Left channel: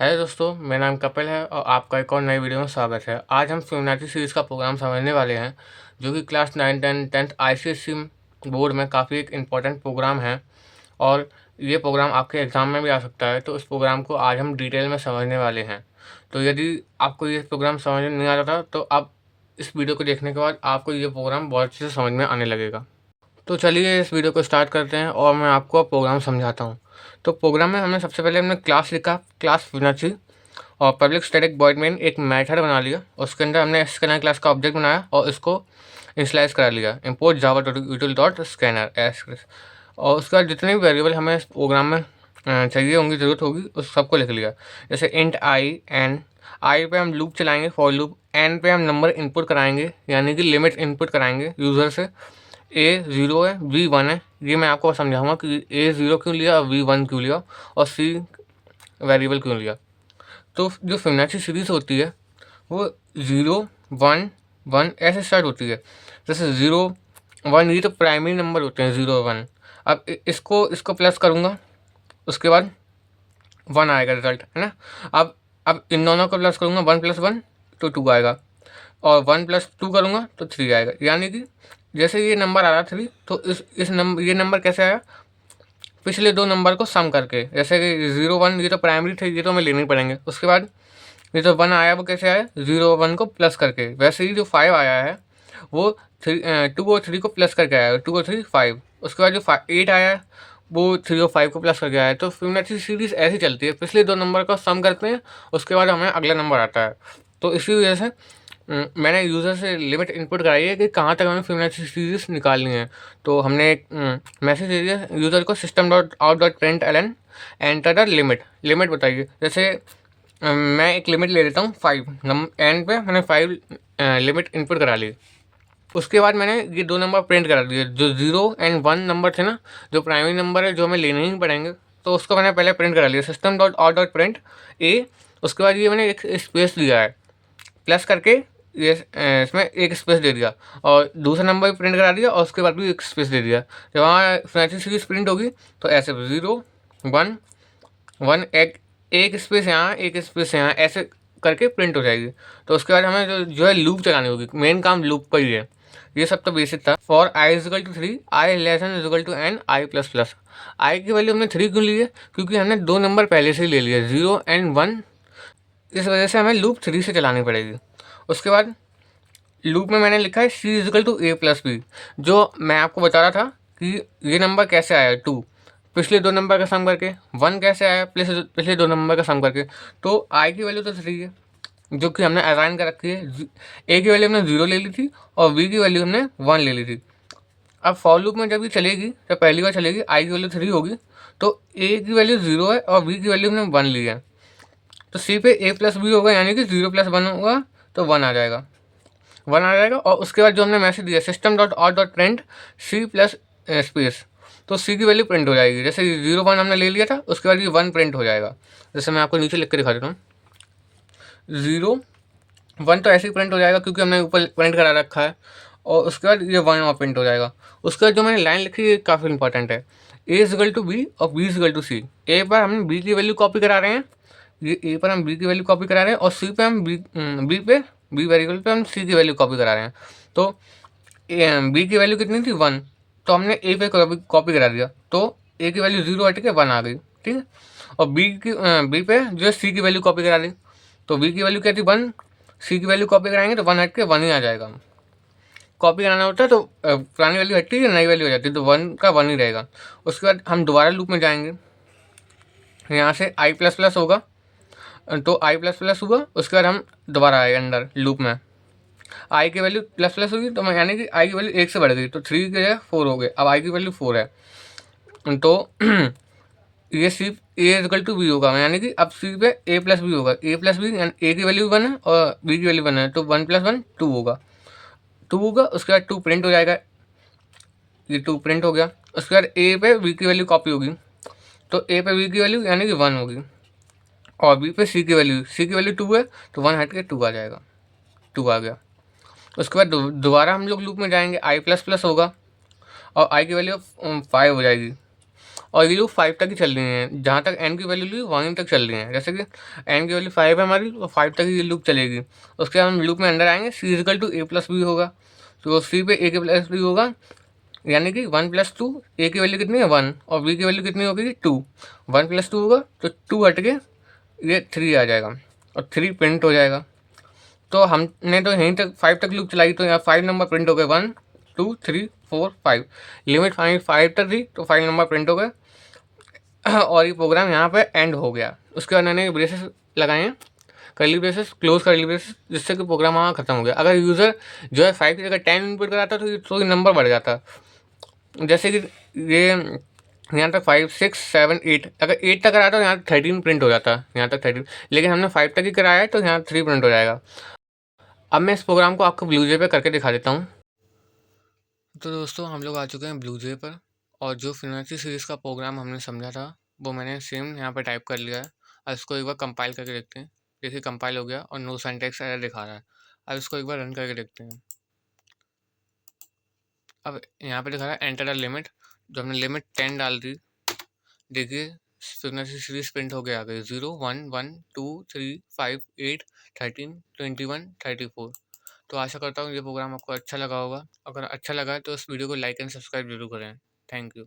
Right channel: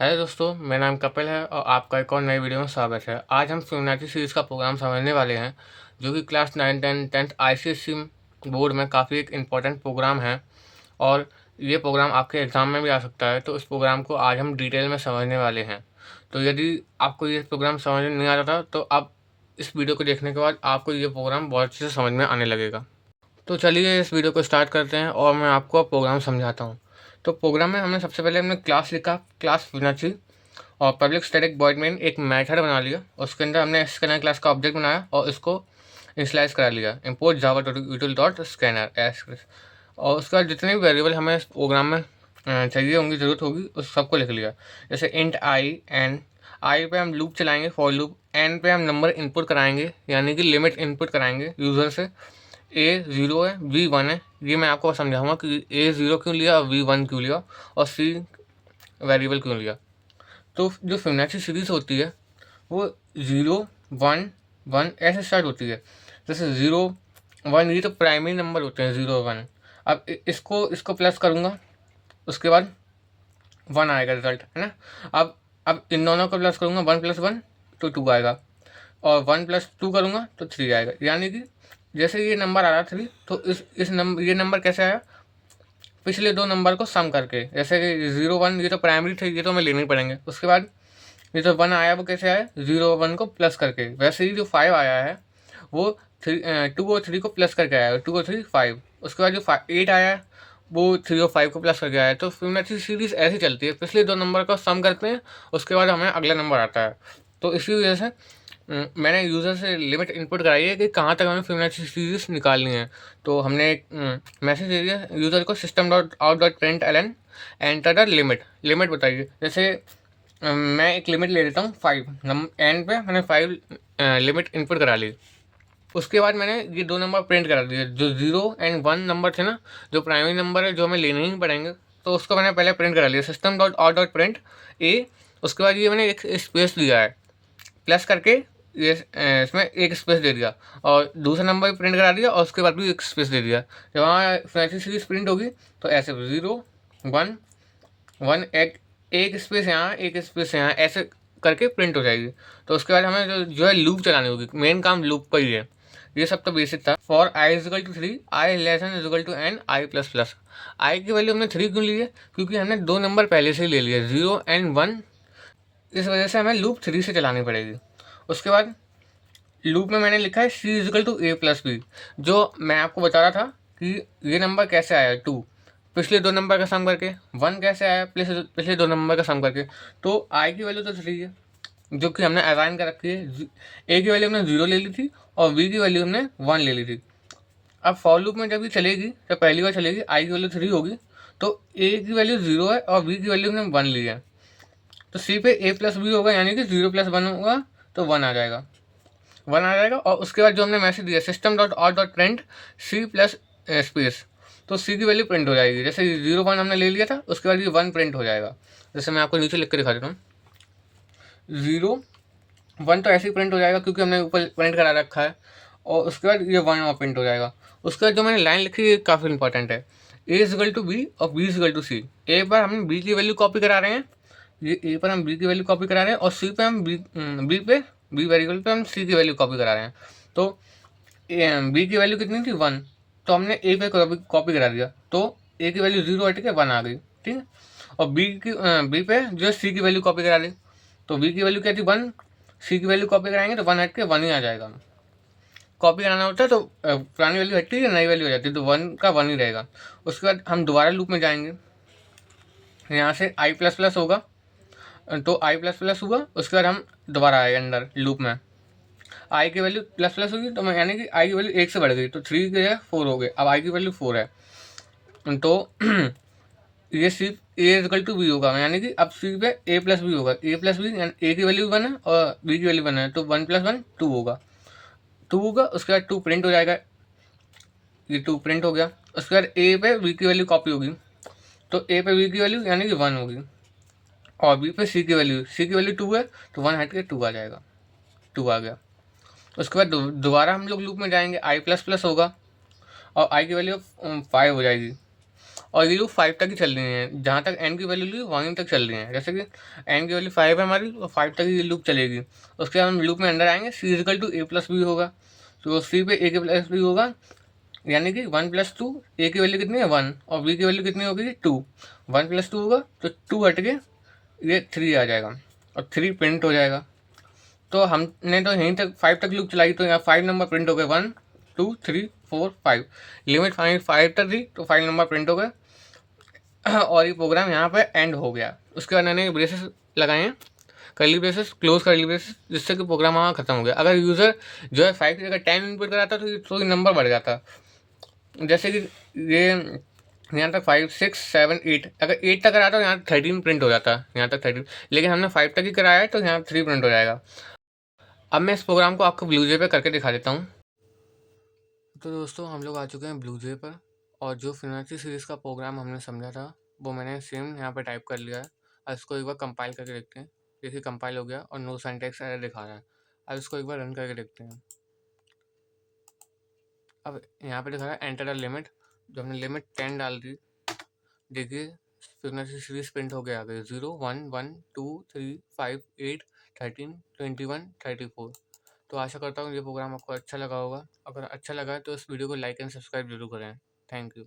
है दोस्तों, मेरा नाम कपिल है और आपका एक और नई वीडियो में स्वागत है। आज हम फिबोनाची सीरीज़ का प्रोग्राम समझने वाले हैं, जो कि क्लास 9, 10, 10th आईसीएसई बोर्ड में काफ़ी एक इम्पॉर्टेंट प्रोग्राम है और ये प्रोग्राम आपके एग्ज़ाम में भी आ सकता है। तो इस प्रोग्राम को आज हम डिटेल में समझने वाले हैं। तो यदि आपको ये प्रोग्राम समझ में नहीं आता था, तो अब इस वीडियो को देखने के बाद आपको ये प्रोग्राम बहुत अच्छे से समझ में आने लगेगा। तो चलिए इस वीडियो को स्टार्ट करते हैं और मैं आपको अब प्रोग्राम समझाता हूँ। तो प्रोग्राम में हमने सबसे पहले हमने क्लास लिखा, क्लास फिबोनाची, और पब्लिक स्टैटिक वॉइड मेन एक मेथड बना लिया। उसके अंदर हमने स्कैनर क्लास का ऑब्जेक्ट बनाया और इसको इनिशियलाइज करा लिया, इम्पोर्ट जावा यूटिल डॉट स्कैनर एस। और उसके बाद जितने भी वेरिएबल हमें इस प्रोग्राम में चाहिए होंगी, ज़रूरत होगी, उस सबको लिख लिया। जैसे इंट आई एन, आई पे हम लूप चलाएंगे फॉर लूप, एन पे हम नंबर इनपुट कराएंगे यानी कि लिमिट इनपुट कराएंगे यूज़र से। ए 0 है, बी 1 है, ये मैं आपको समझाऊंगा कि ए 0 क्यों लिया और बी 1 क्यों लिया और सी वेरिएबल क्यों लिया। तो जो फिबोनाची सीरीज होती है वो 0 1 1 ऐसे स्टार्ट होती है। जैसे 0 1 ये तो प्राइमरी नंबर होते हैं, 0 1। अब इसको इसको प्लस करूँगा, उसके बाद 1 आएगा रिजल्ट, है ना। अब इन दोनों को प्लस करूँगा, 1 + 1 तो 2 आएगा, और 1 + 2 करूँगा तो 3 आएगा। यानी कि जैसे ये नंबर आ रहा 3, तो इस नंबर ये नंबर कैसे आया, पिछले दो नंबर को सम करके। जैसे कि 0 1 ये तो प्राइमरी थे, ये तो हमें लेने ही पड़ेंगे। उसके बाद ये जो 1 आया वो कैसे आया, 0 1 को प्लस करके। वैसे ही जो 5 आया है वो 2 और 3 को प्लस करके आया है, 2 और 3 5। उसके बाद जो 8 आया है वो 3 और 5 को प्लस करके आया है। तो फिबोनाची सीरीज ऐसी चलती है, पिछले दो नंबर का सम करते हैं, उसके बाद हमें अगला नंबर आता है। तो इसी वजह से मैंने यूज़र से लिमिट इनपुट कराई है कि कहाँ तक हमें फिबोनाची सीरीज निकालनी है। तो हमने एक मैसेज दे दिया यूज़र को, system dot out dot print LN enter the limit. Limit बताइए। जैसे मैं एक लिमिट ले लेता हूँ 5, एंड पे मैंने 5 लिमिट इनपुट करा ली। उसके बाद मैंने ये दो नंबर प्रिंट करा दिए, जो 0 एंड 1 नंबर थे ना, जो प्राइमरी नंबर है, जो हमें लेने ही पड़ेंगे। तो उसको मैंने पहले प्रिंट करा लिया, system dot out dot print ए। उसके बाद ये मैंने एक स्पेस दिया है प्लस करके, ये इसमें एक स्पेस दे दिया, और दूसरा नंबर भी प्रिंट करा दिया और उसके बाद भी एक स्पेस दे दिया। जब वहाँ फिबोनाची सीरीज प्रिंट होगी तो ऐसे 0 1 1, एक स्पेस यहाँ, एक स्पेस यहाँ, ऐसे करके प्रिंट हो जाएगी। तो उसके बाद हमें जो है लूप चलानी होगी। मेन काम लूप का ही है। ये सब तो बेसिक था। For I equal to 3, I less than equal to N, I plus plus. I की वैल्यू हमने 3 क्यों ली है, क्योंकि हमने दो नंबर पहले से ही ले लिया, 0 एंड 1। इस वजह से हमें लूप 3 से चलानी पड़ेगी। उसके बाद लूप में मैंने लिखा है C equal to A plus B. जो मैं आपको बता रहा था कि ये नंबर कैसे आया 2, पिछले दो नंबर का सम करके। 1 कैसे आया, पिछले दो नंबर का सम करके। तो आई की वैल्यू तो 3 है, जो कि हमने असाइन कर रखी है। ए की वैल्यू हमने 0 ले ली थी और बी की वैल्यू हमने 1 ले ली थी। अब फॉर लूप में जब ये चलेगी, जब पहली बार चलेगी, आई की वैल्यू 3 होगी, तो ए की वैल्यू 0 है और बी की वैल्यू हमने 1 ली है। तो सी पे ए प्लस बी होगा, यानी कि 0 + 1 होगा तो 1 आ जाएगा, 1 आ जाएगा। और उसके बाद जो हमने मैसेज दिया, system dot out dot print C plus space, तो सी की वैल्यू प्रिंट हो जाएगी। जैसे 0 1 हमने ले लिया था, उसके बाद ये 1 प्रिंट हो जाएगा। जैसे मैं आपको नीचे लिख के दिखा देता हूँ, 0 1 तो ऐसे ही प्रिंट हो जाएगा क्योंकि हमने ऊपर प्रिंट करा रखा है, और उसके बाद ये 1 और प्रिंट हो जाएगा। उसके बाद जो मैंने लाइन लिखी है काफ़ी इंपॉर्टेंट है, ए इजिकल टू बी और बी इजिकल टू सी। ए पर हम बी की वैल्यू कॉपी करा रहे हैं, ये ए पर हम बी की वैल्यू कॉपी करा रहे हैं, और सी पे हम बी वेरिएबल पे हम सी की वैल्यू कॉपी करा रहे हैं। तो बी की वैल्यू कितनी थी, 1, तो हमने ए पे कॉपी करा दिया, तो ए की वैल्यू 0 हट के 1 आ गई, ठीक है। और बी पे जो है सी की वैल्यू कॉपी करा ली, तो बी की वैल्यू क्या थी, 1, सी की वैल्यू कॉपी कराएंगे तो 1 हट के 1 ही आ जाएगा। कॉपी कराना होता है तो पुरानी वैल्यू हटती है, नई वैल्यू हो जाती है, तो 1 का 1 ही रहेगा। उसके बाद हम दोबारा लूप में जाएंगे, यहाँ से आई प्लस प्लस होगा, तो आई प्लस प्लस हुआ। उसके बाद हम दोबारा आए अंदर लूप में, आई की वैल्यू प्लस प्लस होगी, तो मैं यानी कि आई की वैल्यू 1 से बढ़ गई, तो 3 के है 4 हो गए, अब आई की वैल्यू 4 है। तो ये सी ए इजकल टू बी होगा, यानी कि अब सी पे ए प्लस बी होगा, ए प्लस बी, ए की वैल्यू 1 है और बी की वैल्यू 1 है, तो 1 + 1 2 होगा, 2 होगा। उसके बाद 2 प्रिंट हो जाएगा, ये 2 प्रिंट हो गया। उसके बाद ए पे बी की वैल्यू कॉपी होगी, तो ए पे बी की वैल्यू यानी कि 1 होगी, और बी पे सी की वैल्यू 2 है, तो 1 हट के 2 आ जाएगा, 2 आ गया। उसके बाद दोबारा हम लोग लूप में जाएंगे, आई प्लस प्लस होगा और आई की वैल्यू 5 हो जाएगी, और ये लूप 5 तक ही चल रही है, जहाँ तक n की वैल्यू ली वहीं तक चल रही है। जैसे कि n की वैल्यू 5 है हमारी, तो 5 तक ही ये लूप चलेगी। उसके बाद हम लूप में अंदर आएंगे, c equal to a plus B होगा, तो c पे a के प्लस बी होगा, यानी कि 1 प्लस 2, a की वैल्यू कितनी है 1 और b की वैल्यू कितनी होगी 2। 1 प्लस 2 होगा तो 2 हट के ये 3 आ जाएगा और 3 प्रिंट हो जाएगा। तो हमने तो यहीं तक 5 तक लूप चलाई, तो यहाँ 5 नंबर प्रिंट हो गए, 1 2 3 4 5। लिमिट 5 तक थी तो 5 नंबर प्रिंट हो गए और ये प्रोग्राम यहाँ पे एंड हो गया। उसके बाद मैंने ब्रेसेस लगाए हैं, करली ब्रेसेस, क्लोज करली ब्रेसेस, जिससे कि प्रोग्राम वहाँ खत्म हो गया। अगर यूज़र जो है 5 की जगह 10 इनपुट कराता तो ये नंबर बढ़ जाता। जैसे कि ये यहाँ तक 5 6 7 8, अगर 8 तक कराता तो यहाँ 13 प्रिंट हो जाता, यहाँ तक 13, लेकिन हमने 5 तक ही कराया है तो यहाँ 3 प्रिंट हो जाएगा। अब मैं इस प्रोग्राम को आपको ब्लूजे पे करके दिखा देता हूँ। तो दोस्तों हम लोग आ चुके हैं ब्लूजे पर, और जो फिबोनाची सीरीज़ का प्रोग्राम हमने समझा था वो मैंने सेम यहाँ पर टाइप कर लिया है। अब इसको एक बार कंपाइल करके देखते हैं। देखिए कंपाइल हो गया और नो सिंटैक्स एरर दिखा रहा है। अब इसको एक बार रन करके देखते हैं। अब यहाँ पे दिखा रहा है एंटर द लिमिट, जो हमने लिमिट 10 डाल दी। देखिए फिबोनाची सीरीज प्रिंट हो गया, आ गई 0 1 1 2 3 5 8 13 21 34। तो आशा करता हूँ ये प्रोग्राम आपको अच्छा लगा होगा। अगर अच्छा लगा है तो इस वीडियो को लाइक एंड सब्सक्राइब जरूर करें। Thank you.